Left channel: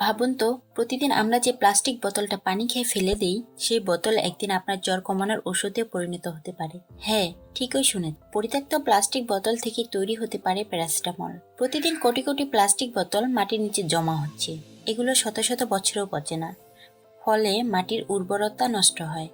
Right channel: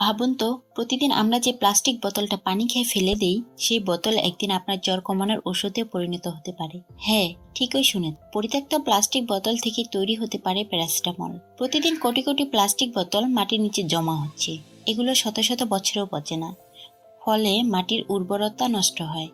ভাবুন তো, প্রতিদিন আমরা যে প্লাস্টিক বোতলটা পানি খেয়ে ফেলে দিই, সেই বোতল একদিন আপনার জ্বর কমানোর ওষুধে পরিণত হতে পারে। হ্যাঁ, ঠিকই শুনে, পরিত্যক্ত প্লাস্টিক বোতল থেকে তৈরি হতে পারে প্যারাসিটামল। প্রতিদিন কোটি কোটি প্লাস্টিক বোতল মাটির নিচে জমা হচ্ছে। এগুলো শত শত বছরেও পচে না, ফলে মাটির উর্বরতা নষ্ট হয়।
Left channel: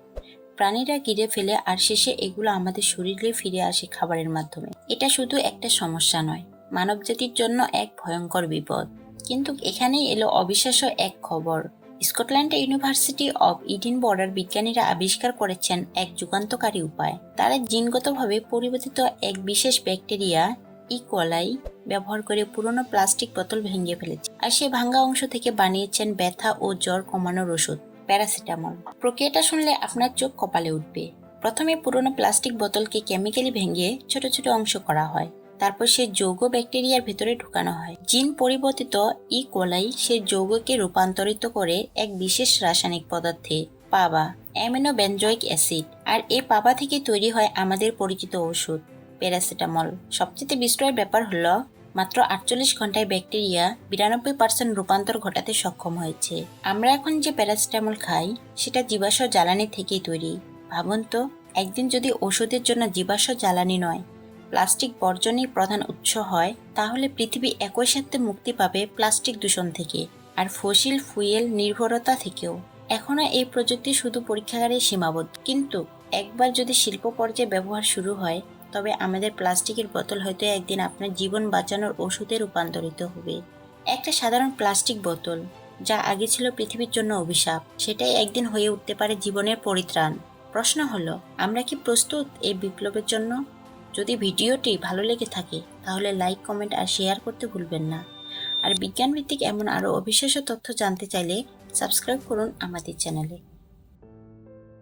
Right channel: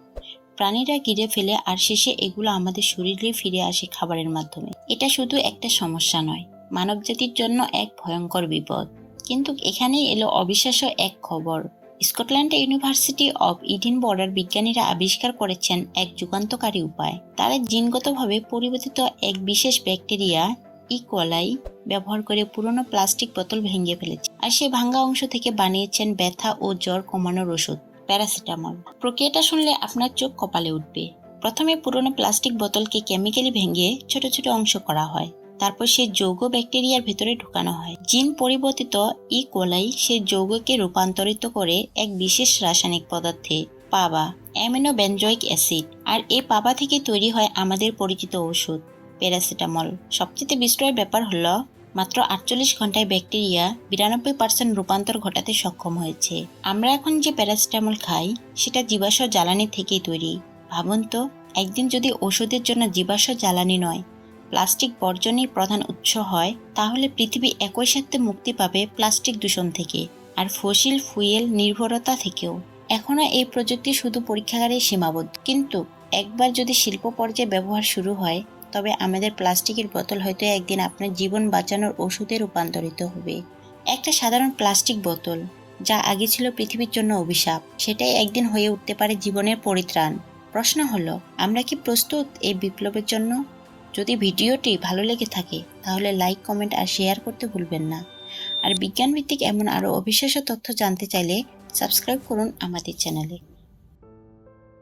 প্রাণীরা গিলে ফেলে আর শেষে এগুলো আমাদের শরীরে ফিরে আসে খাবারের মাধ্যমে। এটা শুধু একটা সমস্যা নয়, মানবজাতির জন্য এক ভয়ঙ্কর বিপদ। কিন্তু এখানেই এলো অবিশ্বাস্য এক খবর। স্কটল্যান্ড ইউনিভার্সিটি অব এডিনবরার বিজ্ঞানীরা আবিষ্কার করেছেন এক যুগান্তকারী উপায়। তারা জিনগতভাবে পরিবর্তিত এক বিশেষ ব্যাকটেরিয়া ইকোলাই ব্যবহার করে পুরনো প্লাস্টিক বোতল ভেঙে ফেলেছে, আর সেই ভাঙা অংশ থেকে বানিয়েছেন ব্যথা ও জ্বর কমানোর ওষুধ, প্যারাসিটামল। প্রক্রিয়াটা শুনলে আপনার চোখ কপালে উঠবে। প্রথমে পুরনো প্লাস্টিক বোতলকে কেমিক্যালি ভেঙে ছোট ছোট অংশ করা হয়। তারপর সেই যৌগ ব্যাকটেরিয়ার ভেতরে ঢুকানো হয়। জিন পরিবর্তিত কোলাই সেই যৌগকে রূপান্তরিত করে এক বিশেষ রাসায়নিক পদার্থে, পাবা, অ্যামিনো বেনজোইক অ্যাসিড। আর এই পাবা থেকে তৈরি হয় আমাদের পরিচিত ওষুধ, প্যারাসিটামল। সবচেয়ে বিস্ময়ের ব্যাপার হলো, মাত্র 48 ঘন্টায় ব্যাকটেরিয়া 92% রূপান্তর ঘটাতে সক্ষম হয়েছে। আমরা এখন যে প্যারাসিটামল খাই, সেটা জীবাশ্ম জ্বালানি থেকেই তৈরি। ভাবুন তো, একদিন যদি ওষুধের জন্য জীবাশ্ম জ্বালানি নয়, প্লাস্টিক বর্জনই প্রধান উৎস হয়, তাহলে পৃথিবী একই সাথে মুক্তি পাবে প্লাস্টিক দূষণ থেকে আর ফসিল ফুয়েল নির্ভরতা থেকেও। এখনো এই প্রযুক্তি শুধু পরীক্ষাগারে সীমাবদ্ধ, কিন্তু একবার যদি শিল্প পর্যায়ে ব্যবহার শুরু হয়, তবে আমাদের প্লাস্টিকের বোতল হয়তো একদিন আপনার জীবন বাঁচানোর ওষুধে রূপান্তরিত হবে। একটা সাধারণ প্লাস্টিক বোতল, যা আগে ছিল পৃথিবীর জন্য অভিশাপ, সেটাই একদিন হয়ে উঠতে পারে জীবনের পরিত্রাণ। প্রশ্ন হলো, আমরা কি প্রস্তুত এই বিপ্লবের জন্য? যদি ভিডিওটি ভালো লেগে থাকে, তাহলে লাইক, কমেন্ট আর শেয়ার করতে ভুলবেন না। আর বিজ্ঞানভিত্তিক এমন আরও অবিশ্বাস্য তথ্য জানতে চাইলে সাবস্ক্রাইব করুন আমাদের চ্যানেলে।